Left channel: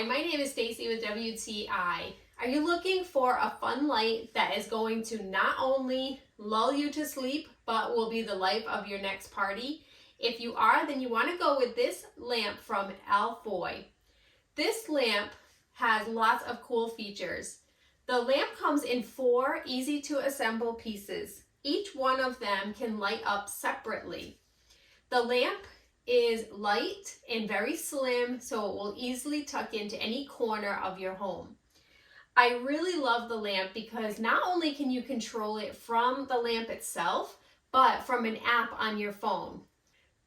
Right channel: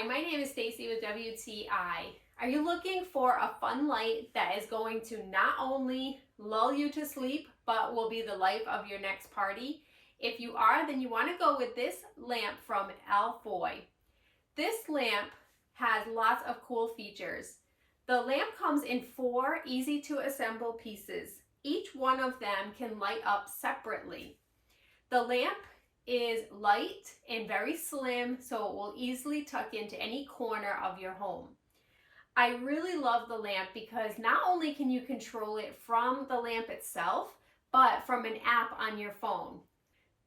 Hi, my name is Stacy with WTI. Are you looking for a fun light that is going to not only lull you to sleep, but will be the life of your next party? If you are, then you want to go with this lamp from Ailofy. This lamp has lots of cool features. The lamp comes in 4 easy to assemble pieces. Each one of them can light up separately. The lamp is light and very slim, so it will easily tuck into any corner of your home. I really love the lamp because not only can you control it from the lamp itself, but from an app on your phone.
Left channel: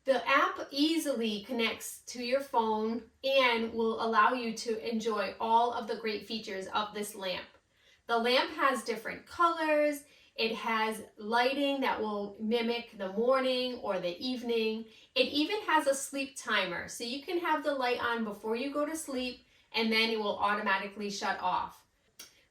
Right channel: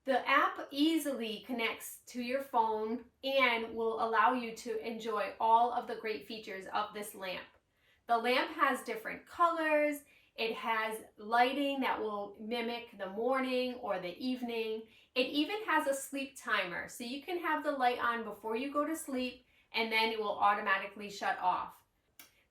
The app easily connects to your phone and will allow you to enjoy all of the great features of this lamp. The lamp has different colors. It has lighting that will mimic the morning or the evening. It even has a sleep timer, so you can have the light on before you go to sleep and then it will automatically shut off.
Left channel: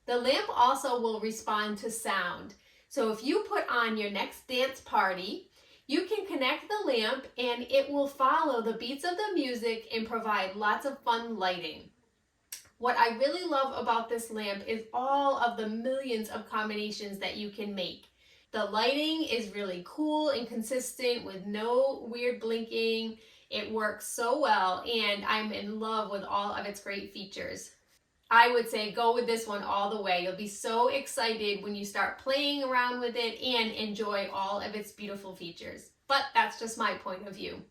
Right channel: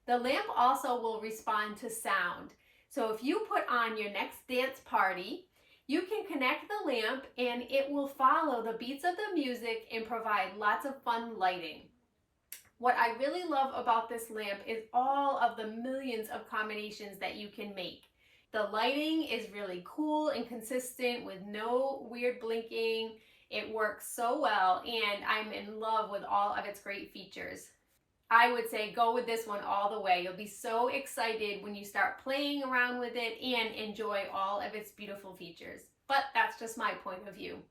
The lamp also will respond to sound. So if you put on your next dance party, you can connect the lamp and it will follow the beats of the music and provide lots of fun lighting. What I really love about this lamp is all of the millions of combinations that you can make. The lighting is really cool and consistent with no weird blinking. It works so well and I'm in love with all of its great features. I would say go with this one all the way. You'll be so excited when you start playing around with it and enjoy all of its beautiful features. But that's just my point of view.